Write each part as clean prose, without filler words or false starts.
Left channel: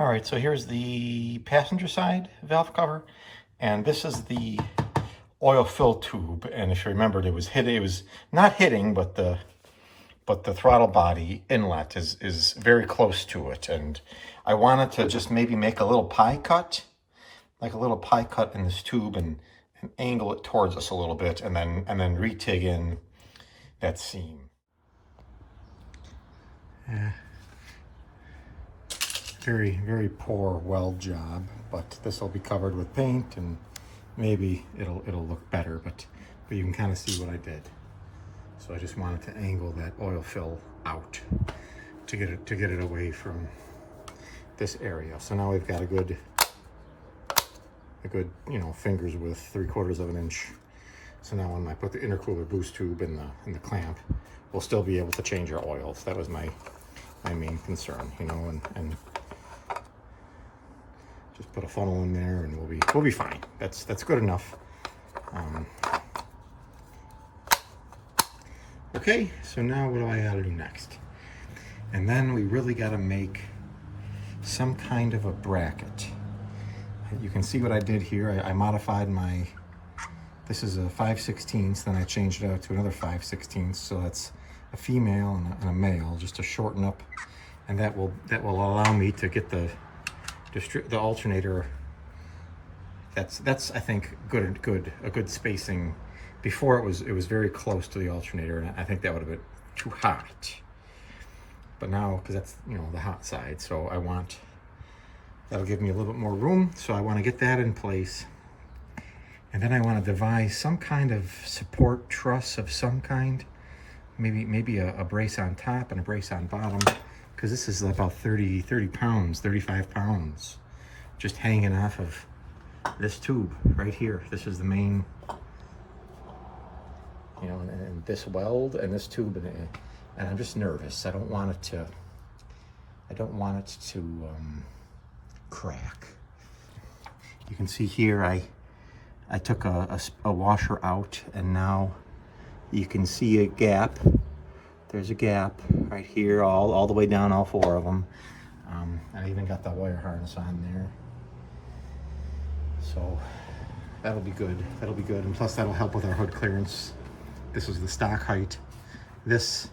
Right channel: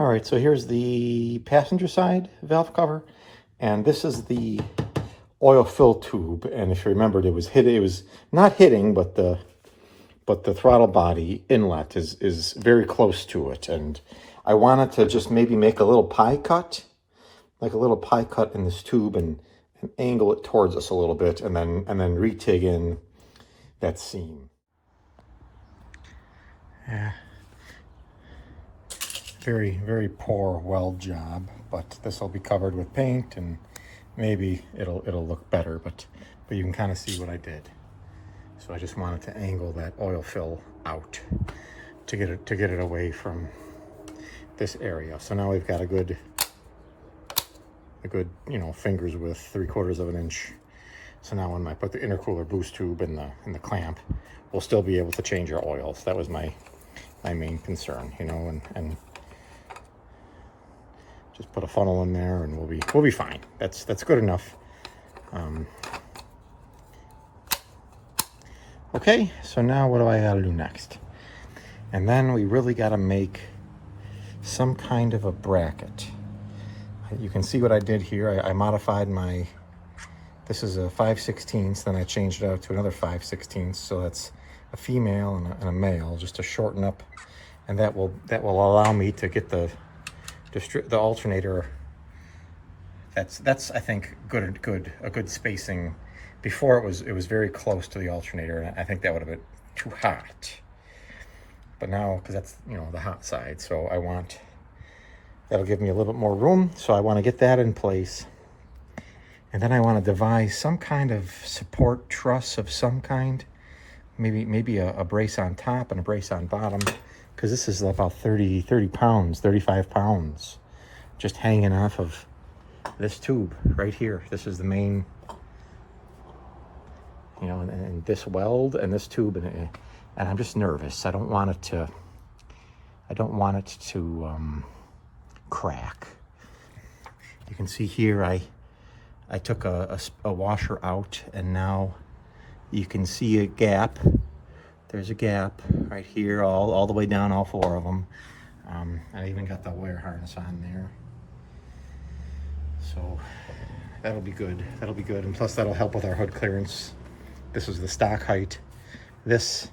All right, so here's the passenger side valve cover, and this is the oil fill tube. And if you remembered, it was not hitting, but the throttle body inlet is very close to it. And I wanted to just maybe make a little pie cut, like a little pie cut in this tube, and angle it towards us a little bit, and then re-TIG in that seam. Yeah. Very, very poor weld job, but this will be covered with paint and maybe it'll look better, but you can kind of see what I did. So I just wanted to angle that oil fill out to get it away from this area. So now we've got a good, you know, fingers width, 3/4 of an inch. So now when I put the intercooler boost tube in the clamp, we'll still be able to change our oils. That was my main concern, you know, and just put a funnel in there and we'll be fine. That's good enough. Okay, so now what do I gotta do next? And then we really gotta make some kind of a bracket. You can see what I did here. I modified this is a 5/16, then I changed it out to another 5/16, so that's a female and a male, just to shorten up, and that will allow me to get the alternator. That's I think a good spacing. Before it was very close to the alternator, and I think that would have been too hot. But now, because that's, you know, the hot side, so that'll give me a little bit more room. So I want to get that in place, and then I want to devise some kind of support truss of some kind. Maybe a brace on top and a brace on bottom, because this is about 30 pounds, 35 pounds, just hanging off of this tube right here. This is the main, you know, and this weld and this tube, and I'm just nervous. I don't want it to crack. You can see here I took a washer out, and now you can see a gap. There's a gap right here, all the way down, all 4 of them. I even got the wire harness on there. So that'll be good. That'll be good, and plus that'll help with our hood clearance. This is the stock height. This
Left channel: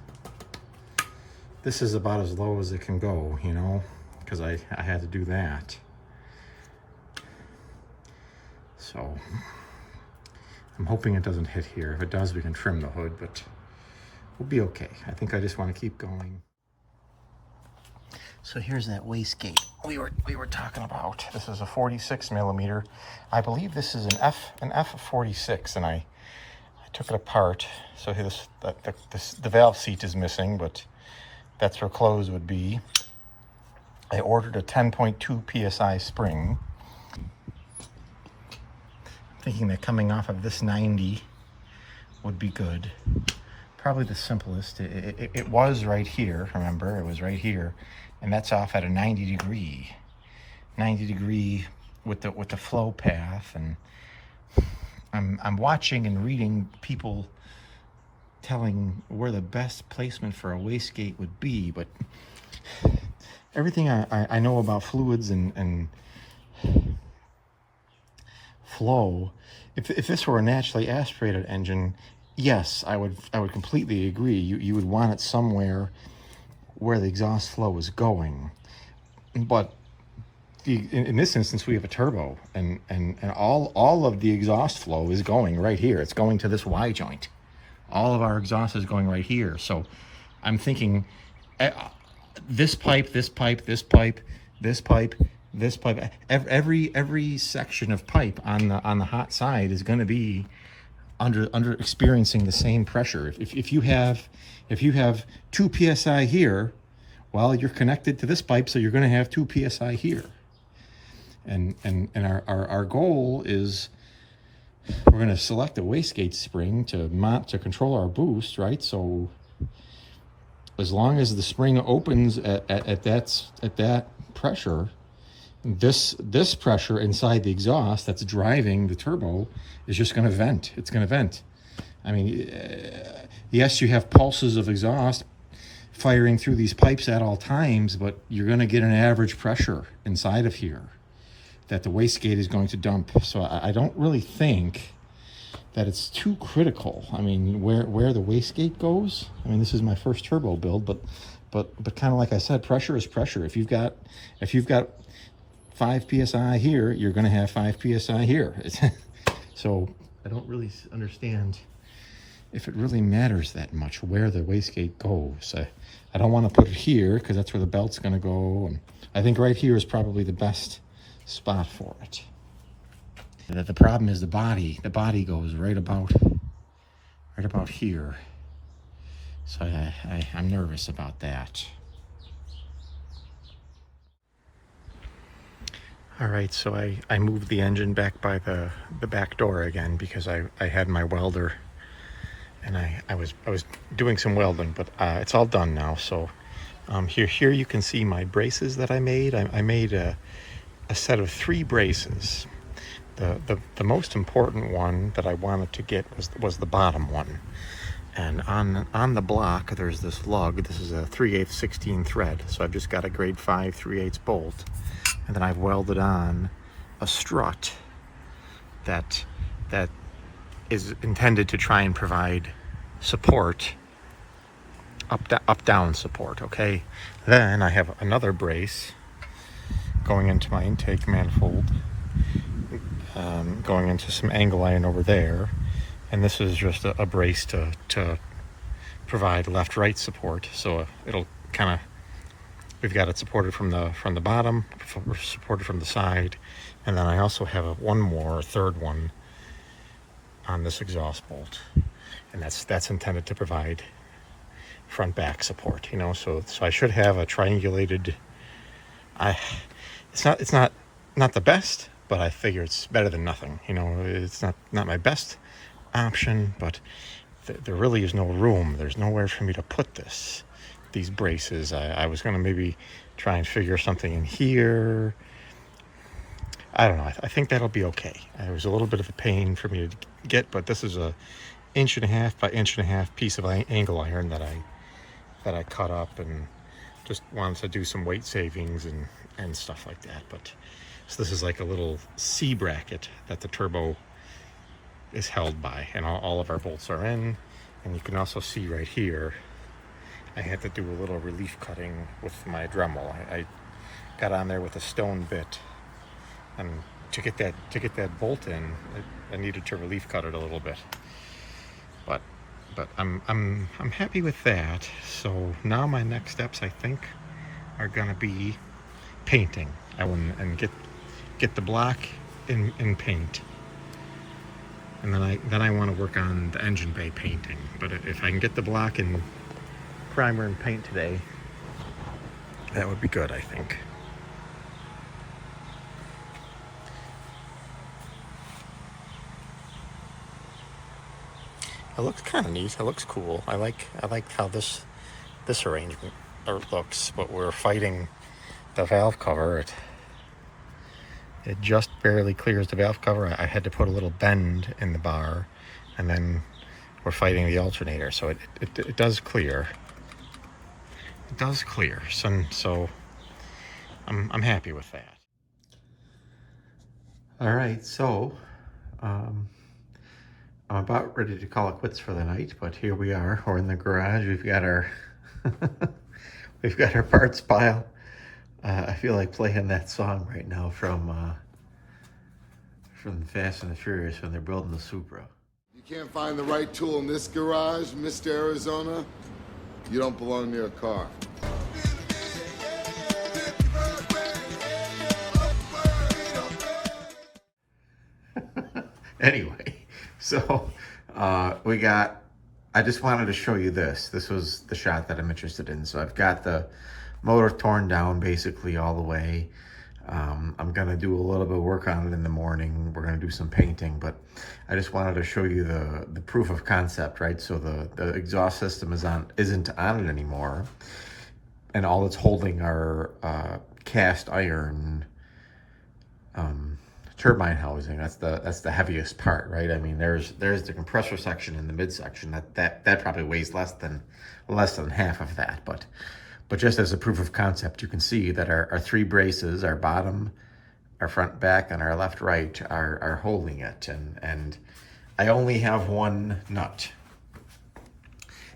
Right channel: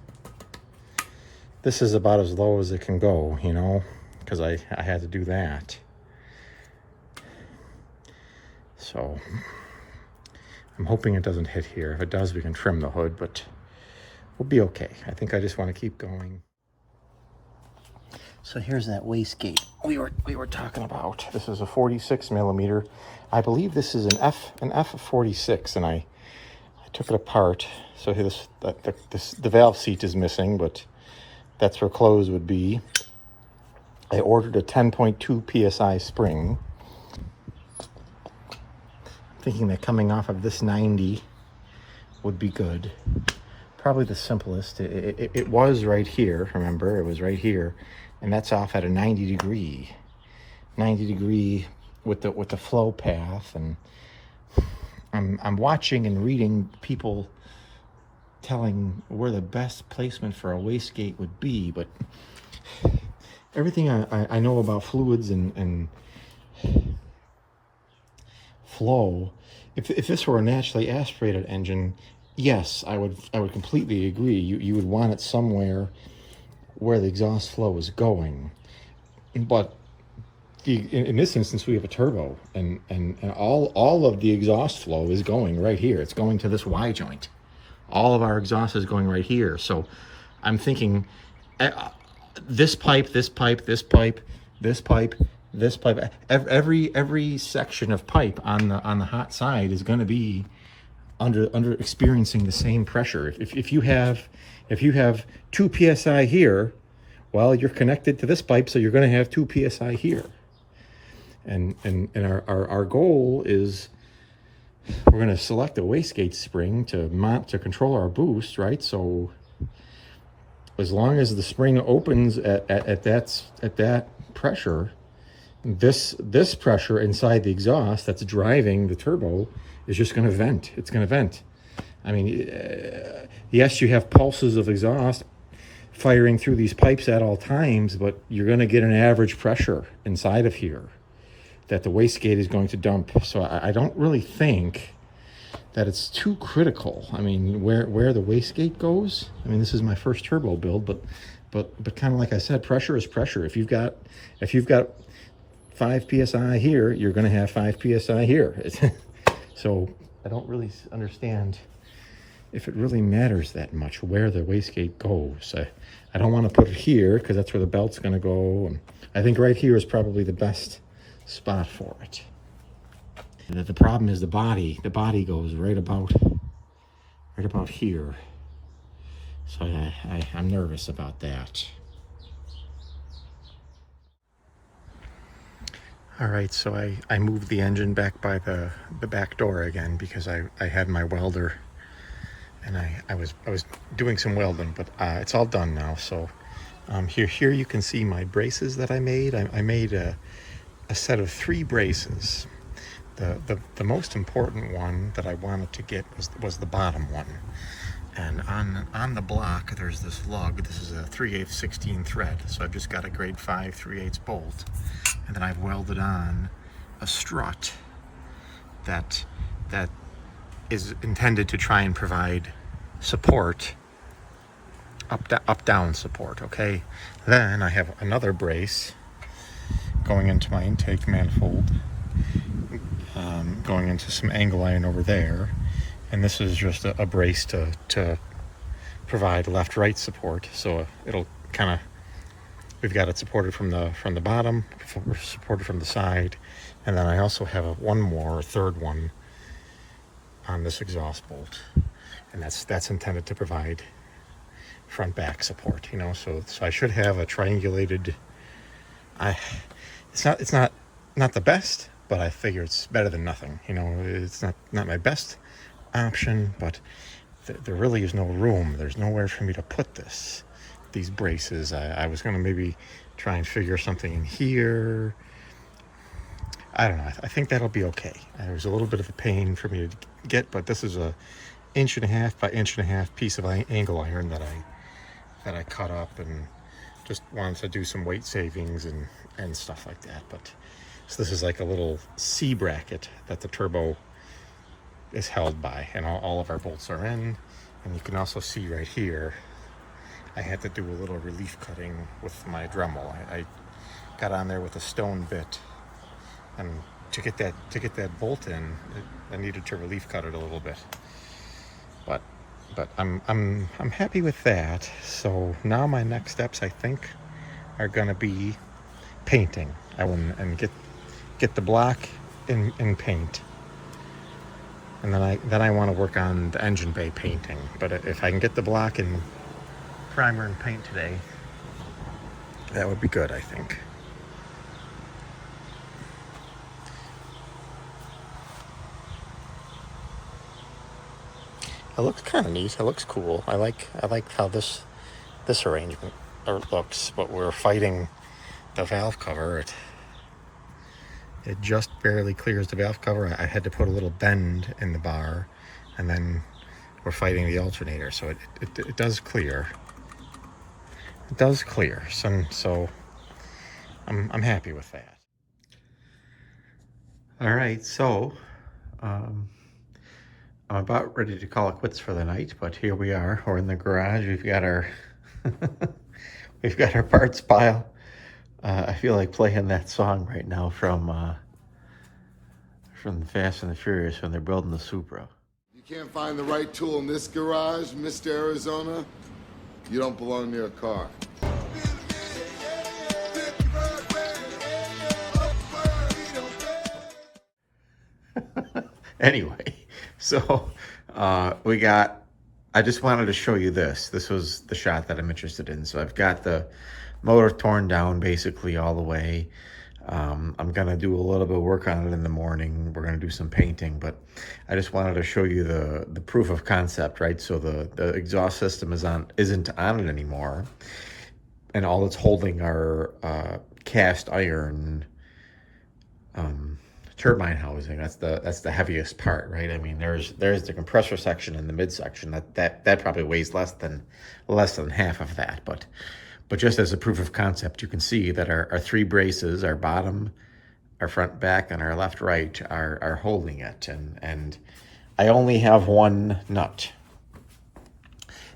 is about as low as it can go, you know, because I had to do that. So I'm hoping it doesn't hit here. If it does, we can trim the hood, but we'll be okay. I think I just want to keep going. So here's that wastegate we were talking about. This is a 46 millimeter. I believe this is an F46, and I took it apart. So here the valve seat is missing, but that's where closed would be. I ordered a 10.2 PSI spring, thinking that coming off of this 90 would be good. Probably the simplest. It was right here, remember, it was right here, and that's off at a 90 degree with the flow path. And I'm watching and reading people telling where the best placement for a wastegate would be, but everything I know about fluids and flow, if this were a naturally aspirated engine, yes, I would completely agree. You would want it somewhere where the exhaust flow is going. But in this instance, we have a turbo, and all of the exhaust flow is going right here. It's going to this Y joint. All of our exhaust is going right here. So I'm thinking this pipe, this pipe, this pipe, this pipe, this pipe, every section of pipe on the hot side is going to be under experiencing the same pressure. If you have 2 psi here, well, you're connected to this pipe, so you're going to have 2 psi here. And our goal is we're going to select a wastegate spring to control our boost, right? So as long as the spring opens at that pressure, this pressure inside the exhaust that's driving the turbo is just going to vent. It's going to vent. I mean, yes, you have pulses of exhaust firing through these pipes at all times, but you're going to get an average pressure inside of here that the wastegate is going to dump. So I don't really think that it's too critical. I mean, where the wastegate goes, I mean, this is my first turbo build, but kind of like I said, pressure is pressure. If you've got 5 psi here, you're going to have 5 psi here. So I don't really understand if it really matters that much where the wastegate goes. I don't want to put it here because that's where the belt's going to go. And I think right here is probably the best spot for it. And the problem is the body. The body goes right about here. So I'm nervous about that. All right, so I moved the engine back by the back door again because I had my welder, and I was doing some welding, but it's all done now. So here you can see my braces that I made. I made a set of 3 braces. The most important one that I wanted to get was the bottom one. And on the block, there's this lug. This is a 3/8 16 thread. So I've just got a grade 5 3/8 bolt. And then I've welded on a strut that is intended to try and provide support, up-down support, okay? Then I have another brace going into my intake manifold, going into some angle iron over there. And this is just a brace to provide left-right support. So it'll kind of, we've got it supported from the bottom, supported from the side, and then I also have a third one on this exhaust bolt, and that's intended to provide front-back support. You know, so I should have a triangulated. It's not the best, but I figure it's better than nothing. You know, it's not my best option, but there really is no room. There's nowhere for me to put these braces. I was going to maybe try and figure something in here. I don't know. I think that'll be okay. It was a little bit of a pain for me to get, but this is a 1.5 by 1.5 piece of angle iron that I cut up, and just wanted to do some weight savings and stuff like that. But so this is like a little C bracket that the turbo is held by, and all of our bolts are in. And you can also see right here, I had to do a little relief cutting with my Dremel. I got on there with a stone bit, and to get that bolt in, I needed to relief cut it a little bit. But I'm happy with that. So now my next steps, I think, are gonna be painting. And get the block in paint. And then I want to work on the engine bay painting. But if I can get the block in primer and paint today, that would be good, I think. It looks kind of neat. It looks cool. I like how this arrangement looks, but we're fighting the valve cover. It just barely clears the valve cover. I had to put a little bend in the bar, and then we're fighting the alternator, so it does clear. It does clear. So I'm happy with that. All right, so I'm about ready to call it quits for the night, but here we are. We're in the garage. We've got our parts pile. I feel like playing that song right now from the Fast and the Furious when they're building the Supra. You can't find the right tool in this garage, Mr. Arizona? You don't belong near a car. Anyway, so I just wanted to show you this. This was the shot that I'm interested in. So I've got the motor torn down basically all the way. I'm gonna do a little bit of work on it in the morning. We're gonna do some painting, but I just wanted to show you the proof of concept, right? So the exhaust system isn't on it anymore, and all it's holding are cast iron turbine housing. That's the heaviest part, right? I mean, there's the compressor section and the midsection that probably weighs less than half of that. But just as a proof of concept, you can see that our three braces, our bottom, our front, back, and our left, right are holding it. And I only have one nut.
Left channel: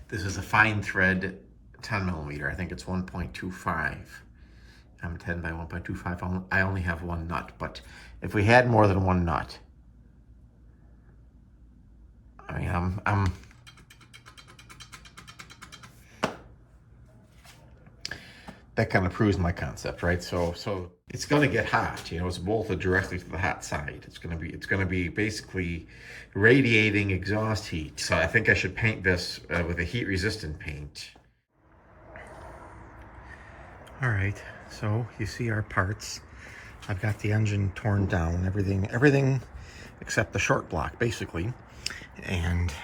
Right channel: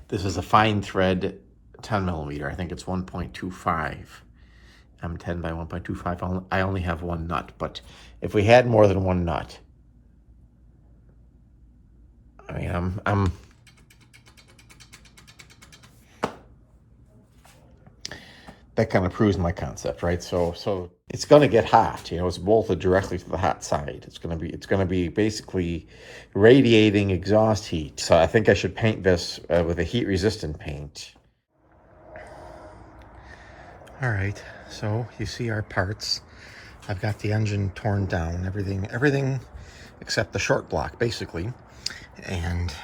This is a fine thread 10 millimeter. I think it's 1.25. I'm 10 by 1.25. I only have one nut, but if we had more than one nut, I mean, that kind of proves my concept, right? So it's going to get hot. You know, it's bolted directly to the hot side. It's going to be basically radiating exhaust heat. So I think I should paint this with a heat-resistant paint. All right, so you see our parts. I've got the engine torn down, everything except the short block, basically. And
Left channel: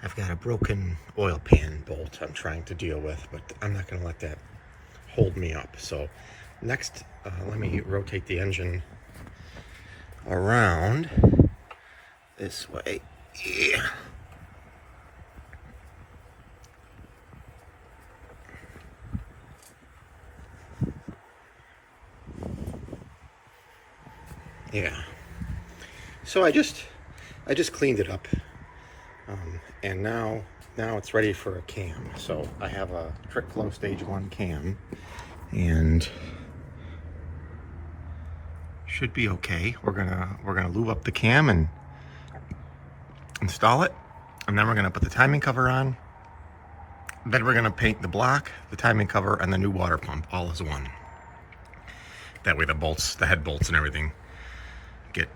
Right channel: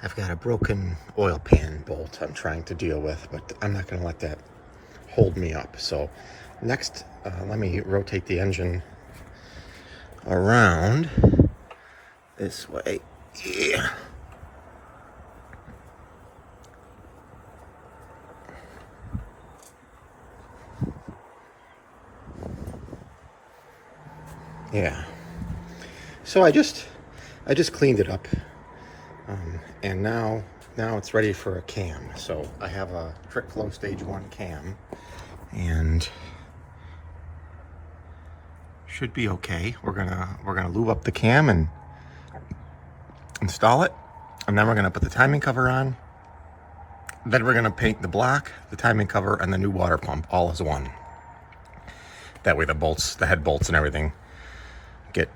I've got a broken oil pan bolt I'm trying to deal with, but I'm not going to let that hold me up. So next, let me rotate the engine around this way. Yeah. Yeah. So I just cleaned it up, and now it's ready for a cam. So I have a Trick Flow Stage 1 cam, and should be okay. We're gonna lube up the cam and install it, and then we're gonna put the timing cover on. Then we're gonna paint the block, the timing cover, and the new water pump all as one. That way the head bolts and everything get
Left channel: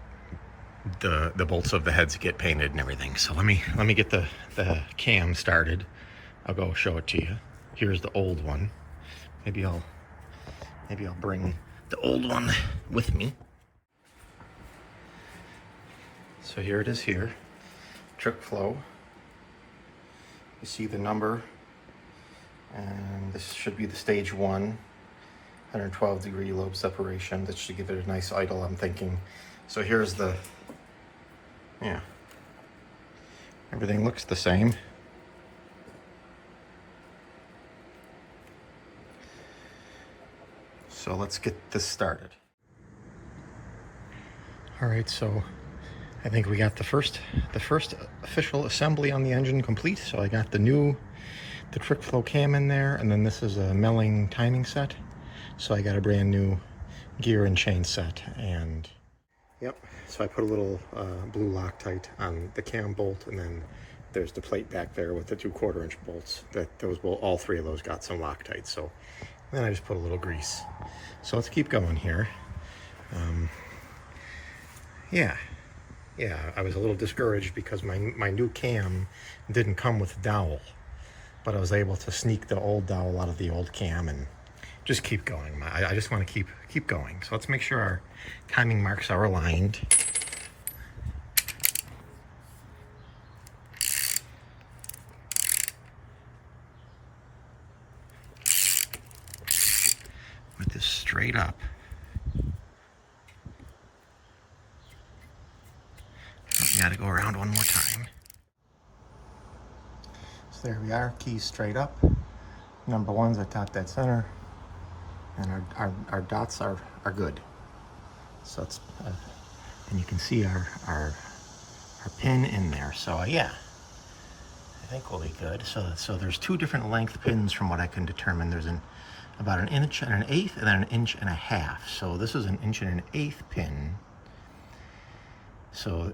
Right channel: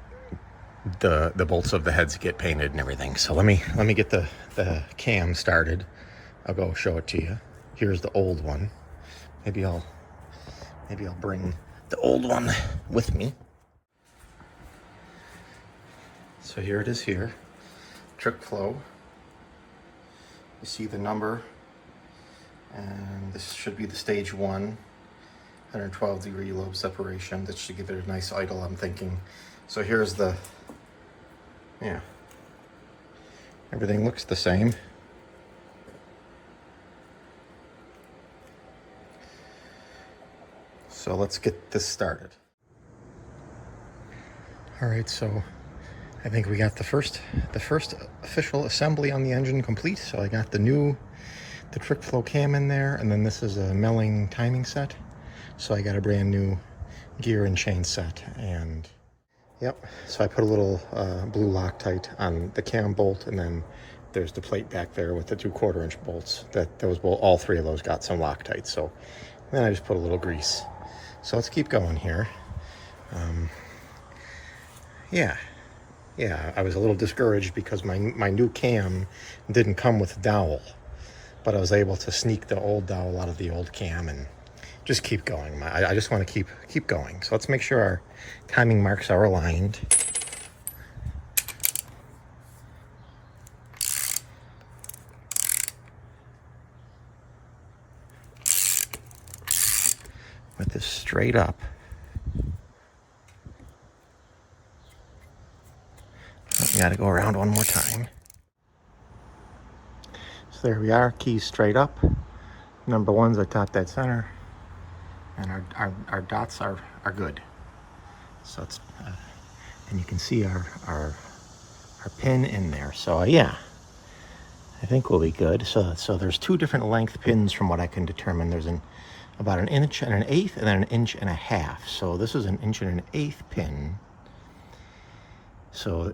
the bolts of the heads get painted and everything. So let me get the cam started. I'll go show it to you. Here's the old one. Maybe I'll bring the old one with me. So here it is here. Trick Flow. You see the number, and this should be the stage 1, 112 degree lobe separation. That should give it a nice idle, I'm thinking. So here's the, yeah, everything looks the same. So let's get this started. All right, so I think we got the first official assembly on the engine complete. So I got the Trick Flow cam in there, and then this is a milling timing set. So I got a brand new gear and chain set, and yep. So I put a little blue Loctite on the cam bolt, and then there's the plate back there with the 2/4 inch bolts. All three of those got some Loctite. So then I just put a little grease. So let's keep going here. Yeah, I was a little discouraged because my new cam didn't come with a dowel, but I was able to sneak the old dowel out of the old cam and just keep going. I just want to keep going. So let's make sure our timing marks are aligned. With this straight up. Got to go around one more time. So there we are, keys straight up. Number 1's at top dead center, and our dots are good. So it's and you can see our pin in there. So yeah, I think we'll be good. So there's 2 different length pins from what I can determine. There's about 1 inch and 1/8, and then 1.5 inches. So this is 1 1/8 inch pin. So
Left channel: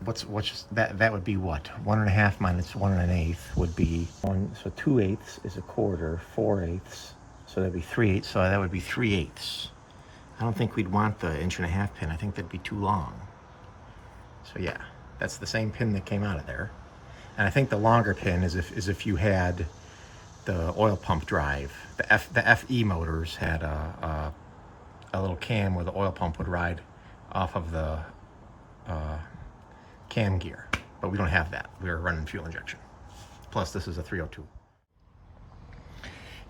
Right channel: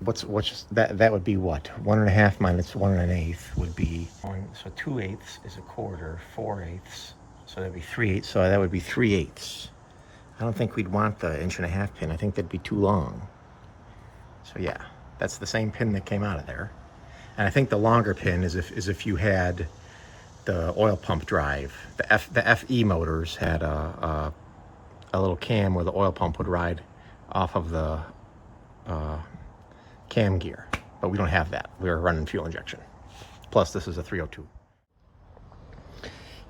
what's that would be what? 1.5 minus 1 1/8 would be 1. So 2/8 is 1/4, 4/8. So that'd be 3/8. So that would be 3/8. I don't think we'd want the 1.5 inch pin. I think that'd be too long. So yeah, that's the same pin that came out of there. And I think the longer pin is if you had the oil pump drive. The FE motors had a little cam where the oil pump would ride off of the cam gear, but we don't have that. We're running fuel injection. Plus this is a 302.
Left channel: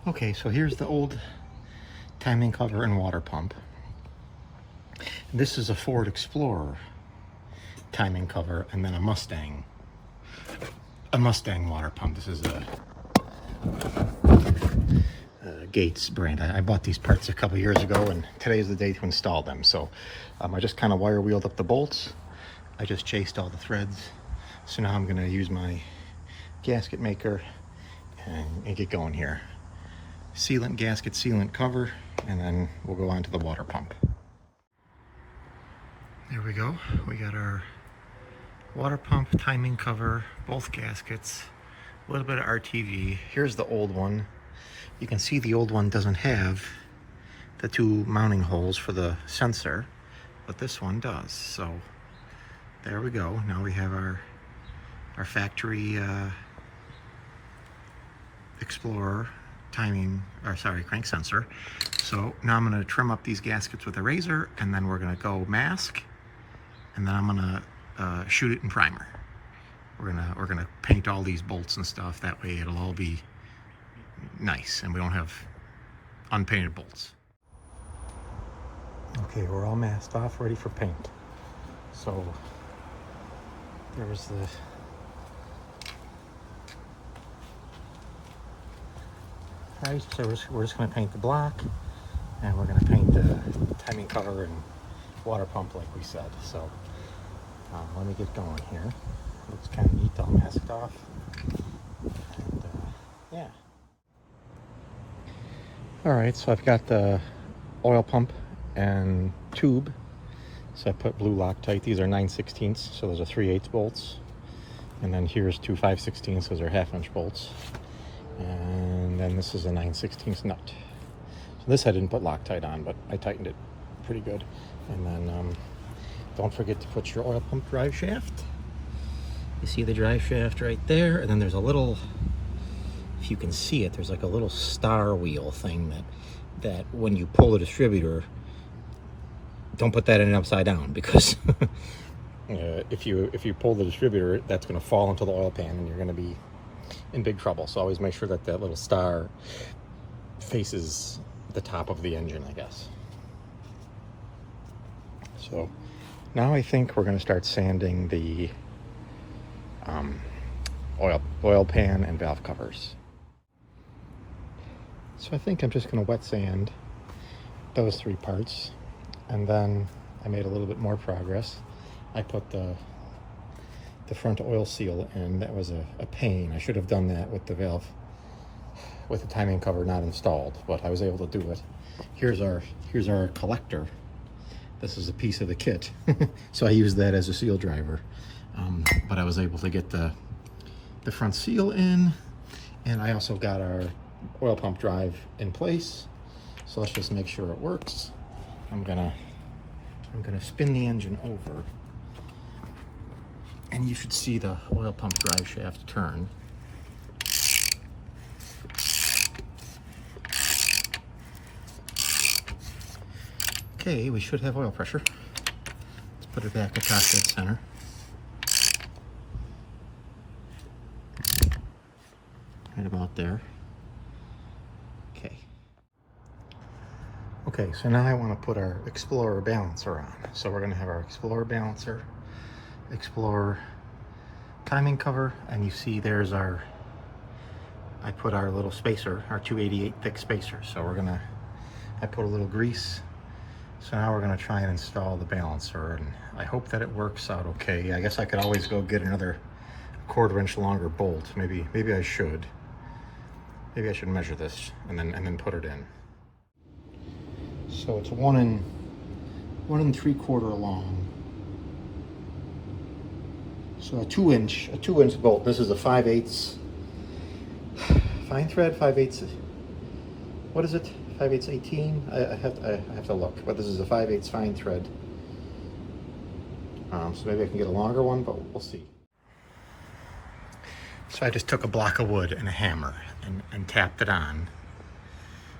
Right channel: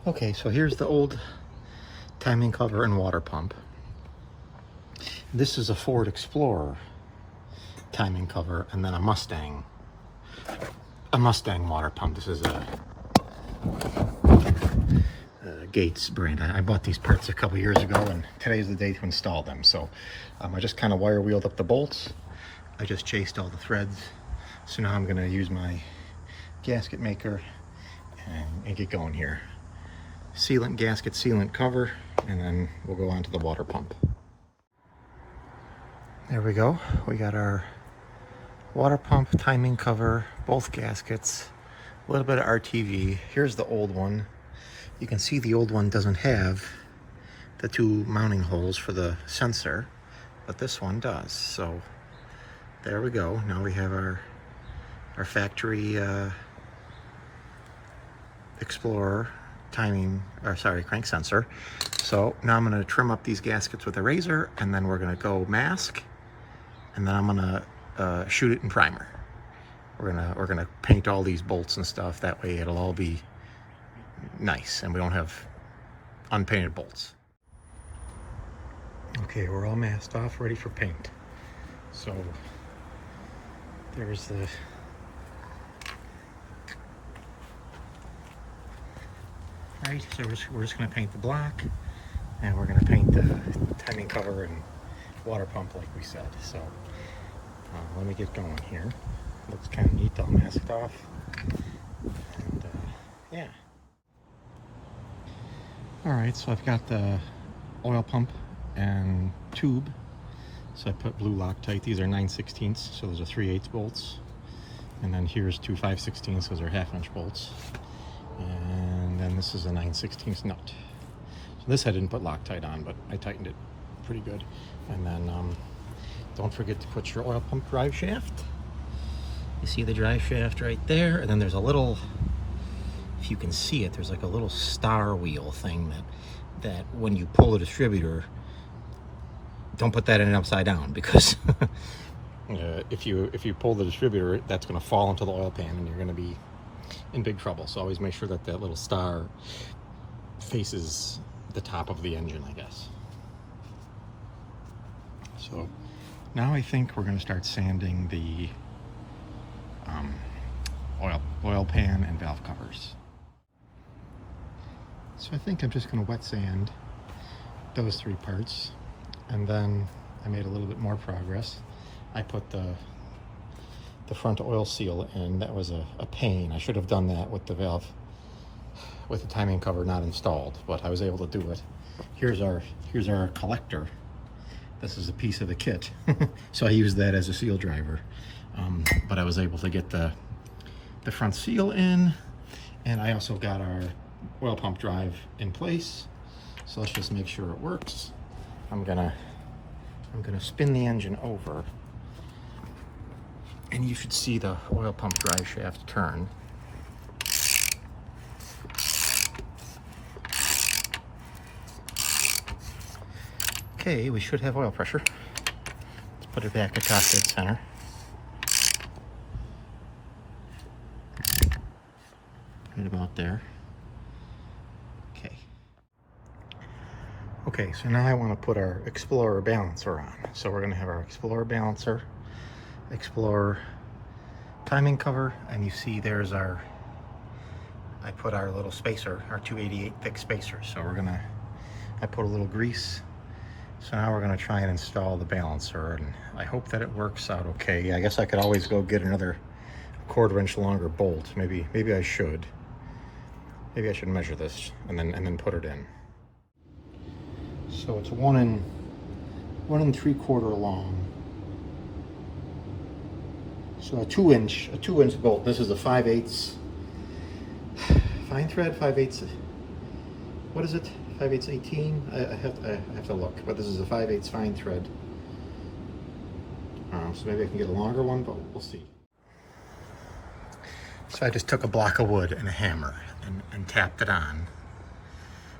Okay, so here's the old timing cover and water pump. This is a Ford Explorer timing cover, and then a Mustang water pump. This is a Gates brand. I bought these parts a couple years ago, and today is the day to install them. So I just kind of wire wheeled up the bolts. I just chased all the threads. So now I'm going to use my gasket maker and get going here. Sealant gasket, sealant cover, and then we'll go on to the water pump. There we go. We got our water pump, timing cover, both gaskets, a little bit of RTV. Here's the old one. You can see the old one doesn't have the two mounting holes for the sensor, but this one does. So there we go. Now we have our factory Explorer crank sensor. So now I'm going to trim up these gaskets with a razor, and then we're going to go mask, and then I'm going to shoot it in primer. We're gonna paint all these bolts and stuff. That way it'll all be nice and we don't have unpainted bolts. Okay, we're all masked off, ready for paint. So there's the right. So we're just gonna paint the block, and we're gonna paint the timing cover and water pump like we said. So let me get going here. Looks kind of neat, all masked off. And yeah. All right, so I've got the oil pump and tube. So I put blue Loctite. These are 9/16, so those are 3/8 bolts. And then here's two 5/16, those are 1/2-inch bolts. And then this is a 9/16 nut. So this I didn't put Loctite on, but I tightened it pretty good. And then don't forget to put your oil pump drive shaft. You see the drive shaft right there, and then there's a little, if you can see it, there's like a little star wheel thing that when you pull the distributor, don't put that in upside down, because if you pull the distributor, that's going to fall into the oil pan and you're going to be in big trouble. So always make sure that that little star faces the top of the engine, I guess. So now I think we're going to start sanding the oil pan and valve covers. So I think I'm just going to wet sand those three parts, and then I made a little bit more progress. I put the front oil seal in. That was a pain. I should have done that with the valve, with the timing cover not installed, but I was able to do it. Here's our collector. This is a piece of the kit. So I used that as a seal driver. But I was able to get the front seal in, and I also got our oil pump drive in place. So let's just make sure it works. I'm gonna spin the engine over, and you should see the oil pump drive shaft turn. Okay, we should have oil pressure. Let's put it back at top dead center. Right about there. Okay, so now I want to put our Explorer balancer on. So we're going to have our Explorer balancer, Explorer timing cover, and you see there's I put our little spacer, our 288 thick spacer. So I put a little grease. So now we're going to try and install the balancer, and I hope that it works out okay. I guess I could always go get another 1/4 inch longer bolt. Maybe I should. Maybe I should measure this and then put it in. So it's 1 3/4 long. So a 2 inch bolt. This is a 5/8 fine thread, 5/8. What is it? 5/8 18. I have to look, but this is a 5/8 fine thread. So maybe I can get a longer one, but we'll see. So I just took a block of wood and a hammer and tapped it on.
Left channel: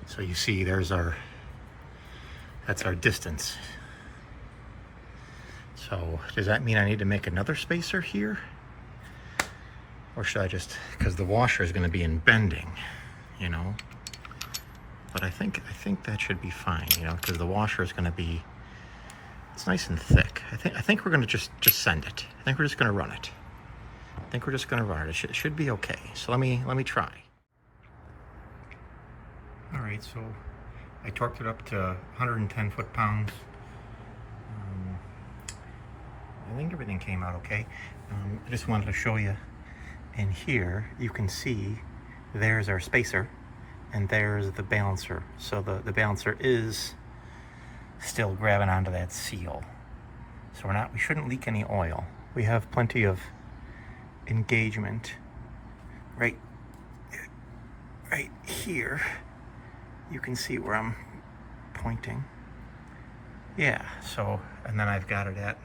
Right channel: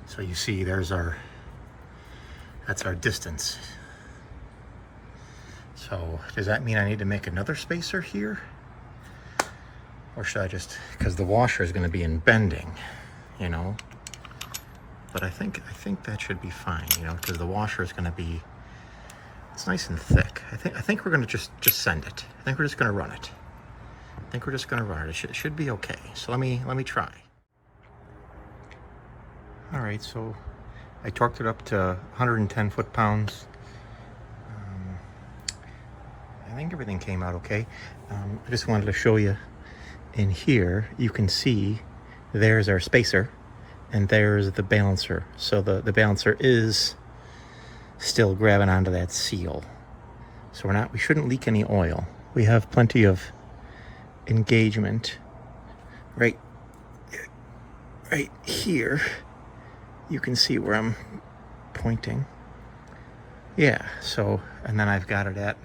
So you see that's our distance. So does that mean I need to make another spacer here? Or should I just, because the washer is going to be in bending, you know? But I think that should be fine, you know, because the washer is going to be, It's nice and thick. I think we're gonna just send it. I think we're just gonna run it. I think we're just gonna run it. It should be okay. So let me try. All right, so I torqued it up to 110 foot-pounds. I think everything came out okay. I just wanted to show you in here, you can see there's our spacer and there's the balancer. So the balancer is still grabbing onto that seal. So we shouldn't leak any oil. We have plenty of engagement right here. You can see where I'm pointing. Yeah, so, and then I've got it at,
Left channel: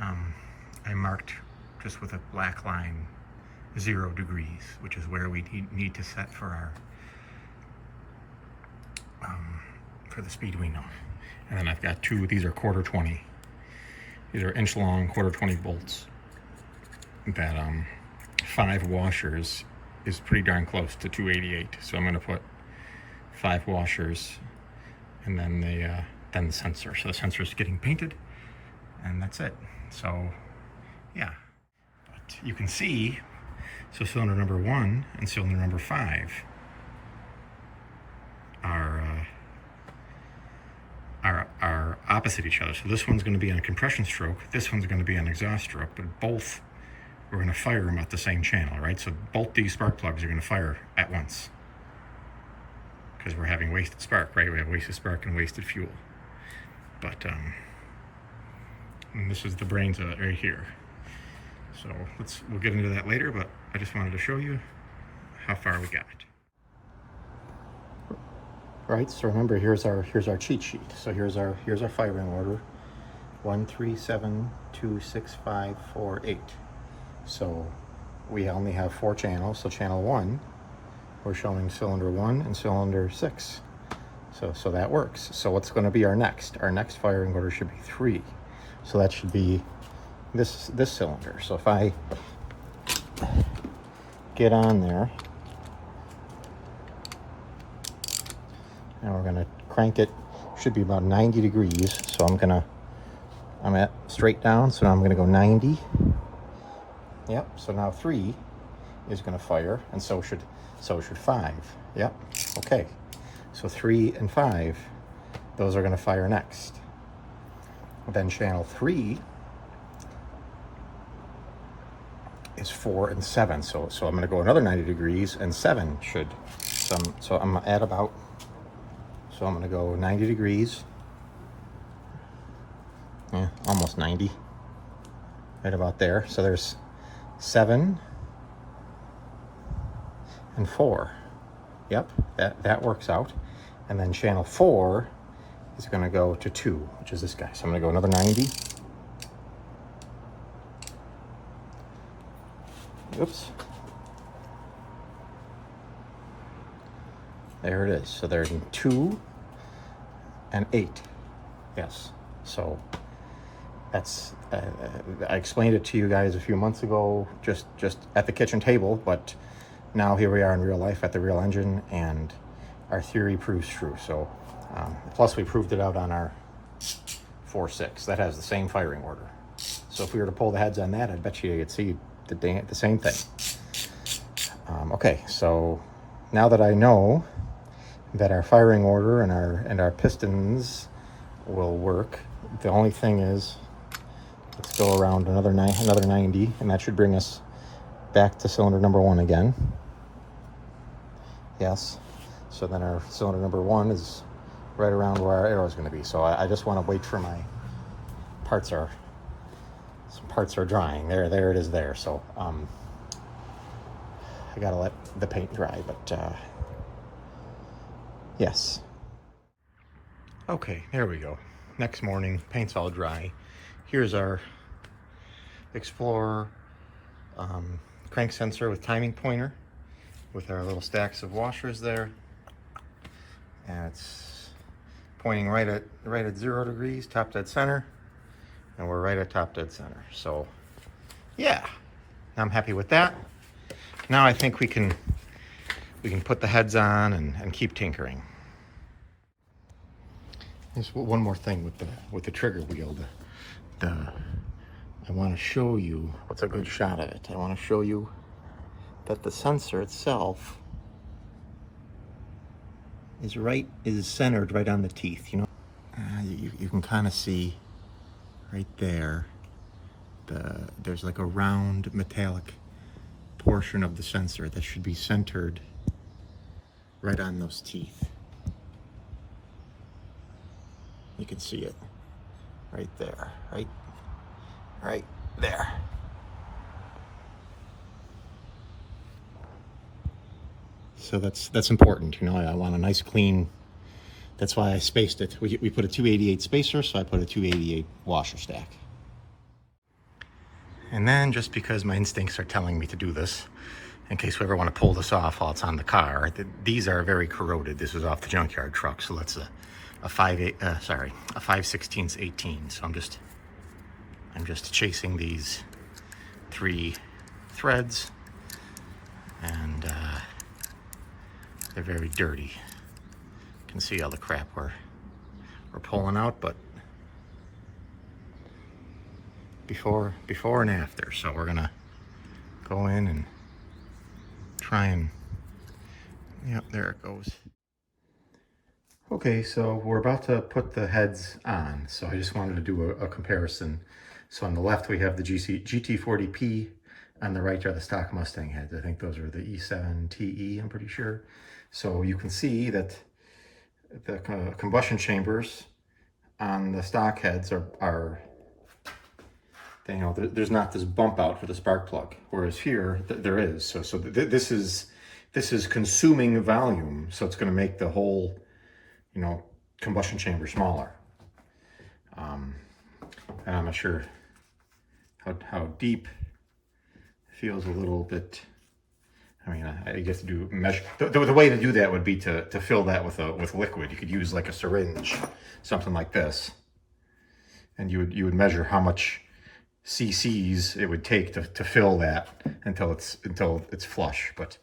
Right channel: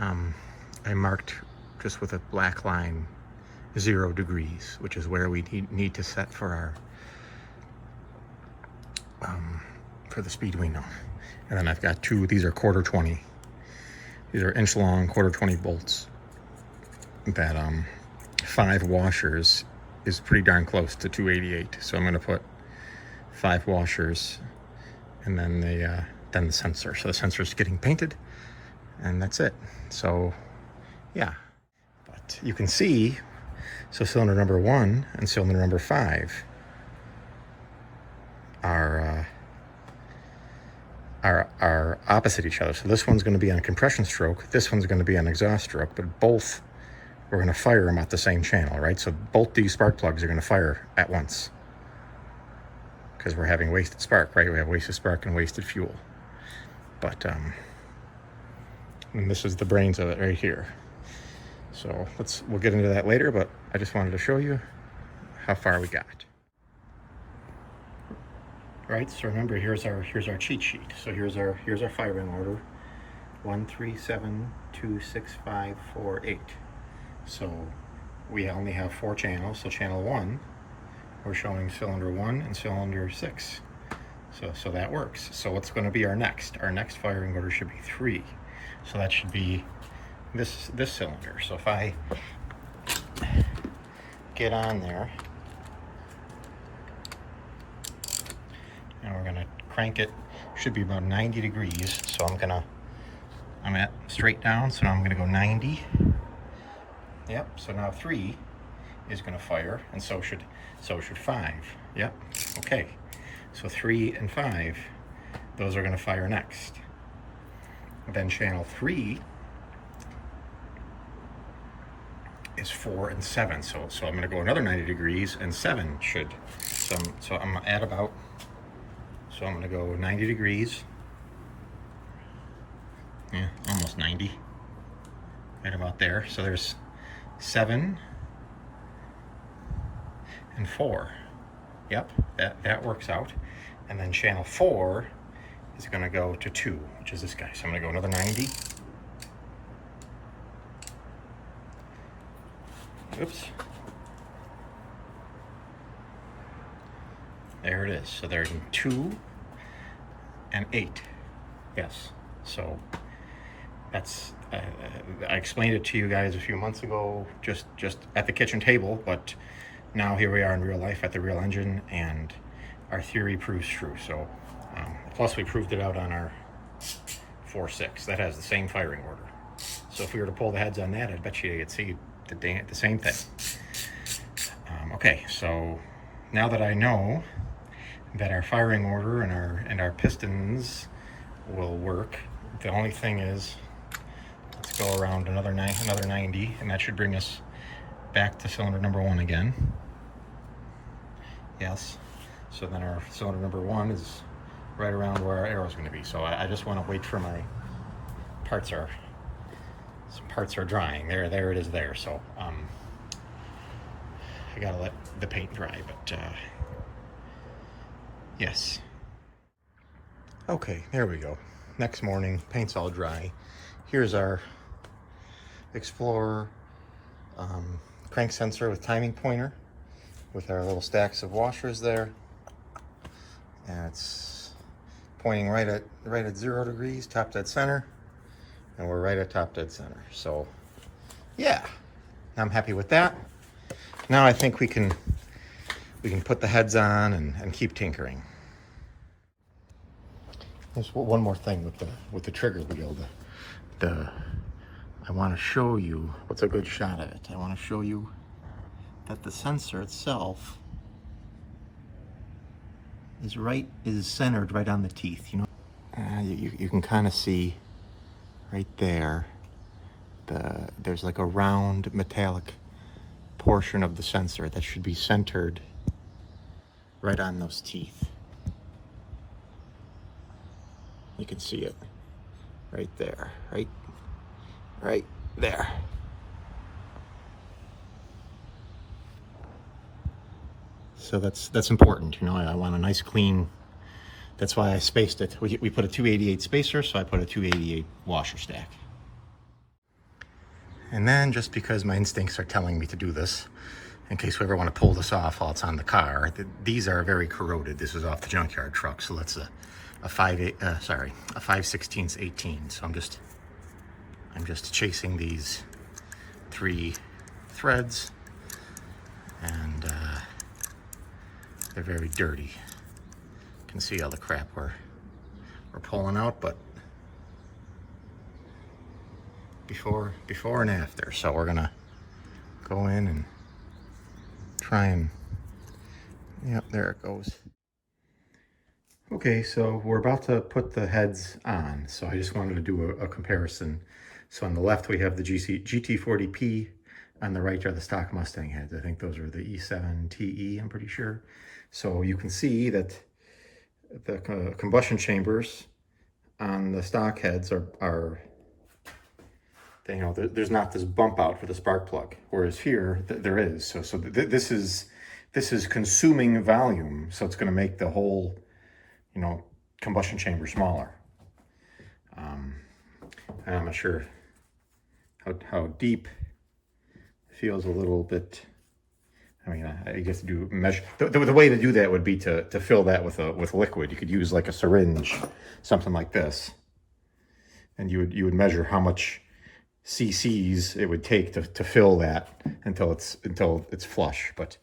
I marked just with a black line 0 degrees, which is where we need to set for our, for the speed we know. And then I've got these are 1/4-20. These are inch long 1/4-20 bolts that 5 washers is pretty darn close to 288. So I'm gonna put 5 washers and then the sensor. So the sensor is getting painted and that's it. So yeah, but you can see, so cylinder number 1 and cylinder number 5 are opposite each other. So this one's going to be on a compression stroke, this one's going to be on exhaust stroke, but both we're going to fire them at the same channel, right? So both these spark plugs are going to fire at once because we're having wasted spark, right? We have wasted spark and wasted fuel. But and this is the brains of it right here. So we'll get into that later, but I just wanted to show you how far we got. Right, so remember, here's our cheat sheet. So here's our firing order: 1 3 7 2 6 5 4 8. So we only have 4 channels. So channel 1, we're showing cylinder 1 and cylinder 6. So that works. So what's going to be our next? Our next firing order should be 3. So that should be this cylinder. So if I get on there, and we're gonna crank it, should be about 90 degrees. So I'm at straight down, so now I'm gonna go 90. Yep, so now 3 is gonna fire, and so should 5. Yep, okay. So 3 and 5, those are gonna fire next. Then channel 3 is 4 and 7. So I'm gonna go another 90 degrees, and 7 should, so I'm at about, so I'm gonna go 90 degrees. Yeah, almost 90. Right about there. So there's 7 and 4. Yep, that works out. And then channel 4 is gonna go to 2, which is this guy. So I'm gonna go another 90. Oops. There it is. So there's 2 and 8. Yes. So that's I explained it to you guys a few months ago, just at the kitchen table, but now here we are in real life at the real engine, and our theory proves true. So plus we proved it out on our 4.6 that has the same firing order. So if we were to pull the heads on that, I bet you you'd see the same thing. Okay, so now that I know that our firing order and our pistons will work, the only thing is, let's go around another 90, and that should bring us back to cylinder number 1 again. Yes, so then our cylinder number 1 is right around where our arrow is going to be. So I just want to wait for my parts are drying. There it is there. So I gotta let the paint dry, but yes. Okay, there we go. Next morning, paint's all dry. Here's our Explorer crank sensor with timing pointer, with our little stacks of washers there, and it's pointing right at 0 degrees, top dead center, and we're right at top dead center. So yeah, I'm happy with that. Now I think we can put the heads on and keep tinkering. There's one more thing with the trigger wheel. I want to show you what's a good shot at it. I want to show you that the sensor itself is centered right on the teeth. You know, you can kind of see right there. There's like a round metallic portion of the sensor that should be centered right on those teeth. You can see it right there, right there. So that's important, you know. I want a nice clean. That's why I spaced it. We put a 288 spacer, so I put a 288 washer stack. And then, just because my instincts are telling me to do this, in case we ever want to pull this off while it's on the car, these are very corroded. This is off the junkyard truck, so that's a 5/16 18. So I'm just chasing these 3 threads, and they're very dirty. You can see all the crap we're pulling out, but before and after. So we're gonna go in and try and, yep, there it goes. Okay, so we're about to put the heads on, so I just wanted to do a comparison. So on the left we have the GT40P, on the right are the stock Mustang heads. I think those are the E7TE, I'm pretty sure. So you can see that the combustion chambers on the stock heads are you know, there's not this bump out for the spark plug, whereas here there is. So this is consuming volume, so it's going to make the whole, you know, combustion chamber smaller. And I'm not sure how deep. It feels a little bit. I mean, I guess to do measure. The way to do that would be to fill that with liquid. You could use like a syringe, something like this, and you would measure how much cc's it would take to fill that until it's flush. But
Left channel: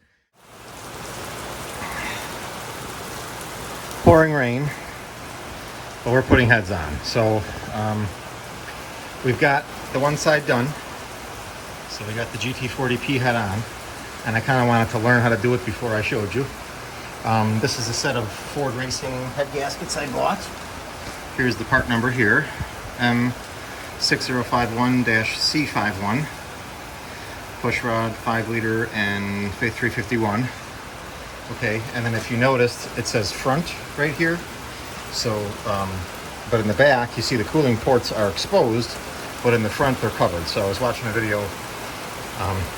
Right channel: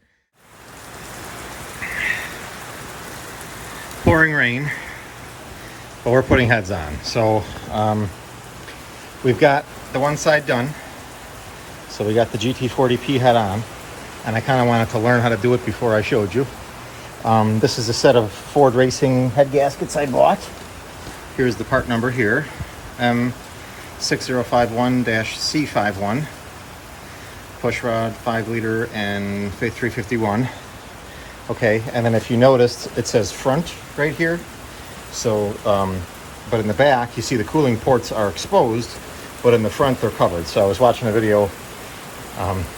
pouring rain, but we're putting heads on. So we've got the one side done. So we got the GT40P head on, and I kind of wanted to learn how to do it before I showed you. This is a set of Ford Racing head gaskets I bought. Here's the part number here, M6051-C51, push rod, 5 liter, and 351. Okay, and then if you noticed, it says front right here. So, but in the back, you see the cooling ports are exposed, but in the front they're covered. So I was watching a video,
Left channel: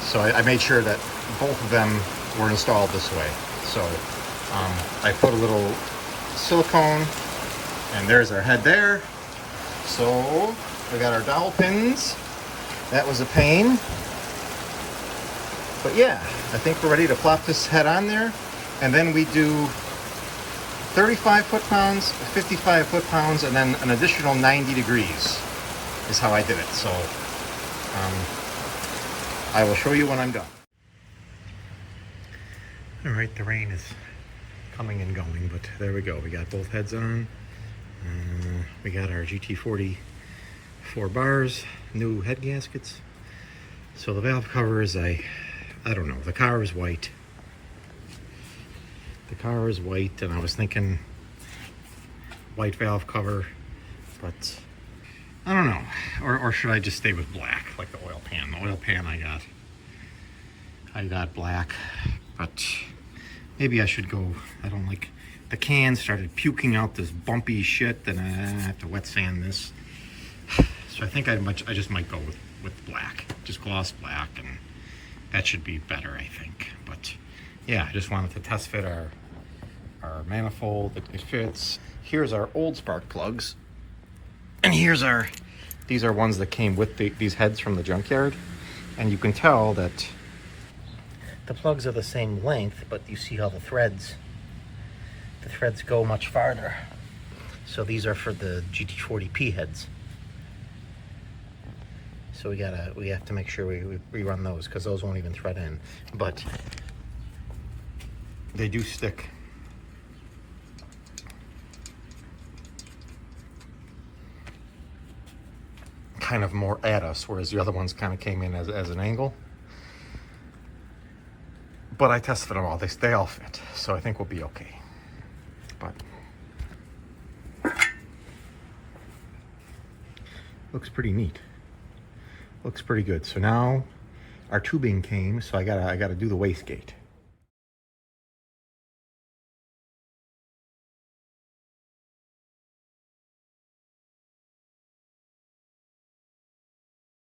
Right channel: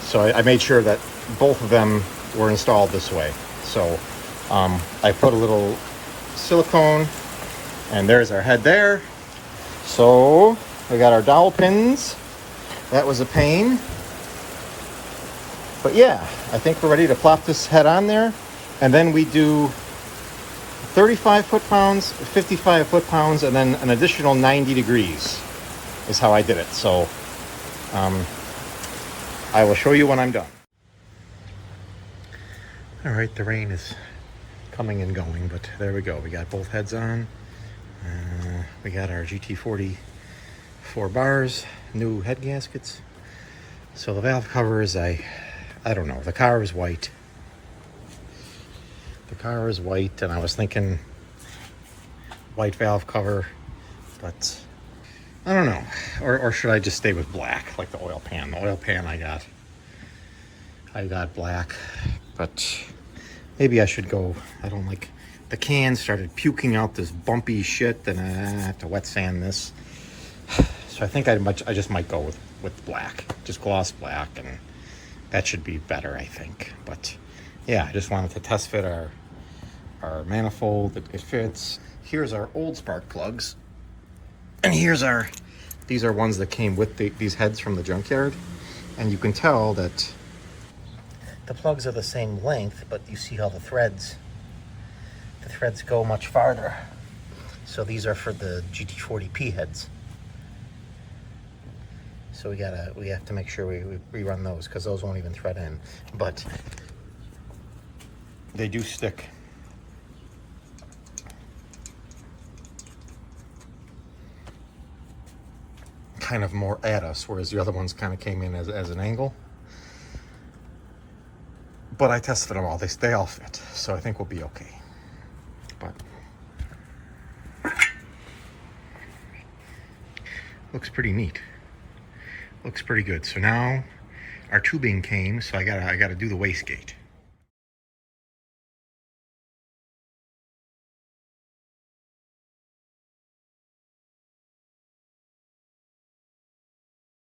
so I made sure that both of them were installed this way. So I put a little silicone, and there's our head there. So we got our dowel pins. That was a pain. But yeah, I think we're ready to plop this head on there. And then we do 35 foot-pounds, 55 foot-pounds, and then an additional 90 degrees is how I did it. So I will show you when I'm done. All right, the rain is coming and going, but there we go. We got both heads on. We got our GT40 4 bars, new head gaskets. So the valve covers, I don't know. The car is white. The car is white, and I was thinking white valve cover, but I don't know. Or should I just stay with black, like the oil pan? The oil pan I got black, but maybe I should go. I don't like, the can started puking out this bumpy shit, and I have to wet sand this. So I think I just might go with black, just gloss black, and that should be better, I think. But yeah, I just wanted to test fit our manifold. It fits. Here's our old spark plugs, and these are ones that came with these heads from the junkyard, and you can tell that the plugs are the same length, but you see how the threads go much farther. So these are for the GT40P heads. So we have to make sure we run those, because those won't even thread in, but they do stick. kind of more at us, whereas the other ones kind of came in as an angle. But I tested them all. They all fit, so I think we'll be okay. But looks pretty neat. Looks pretty good. So now our tubing came, so I gotta do the wastegate.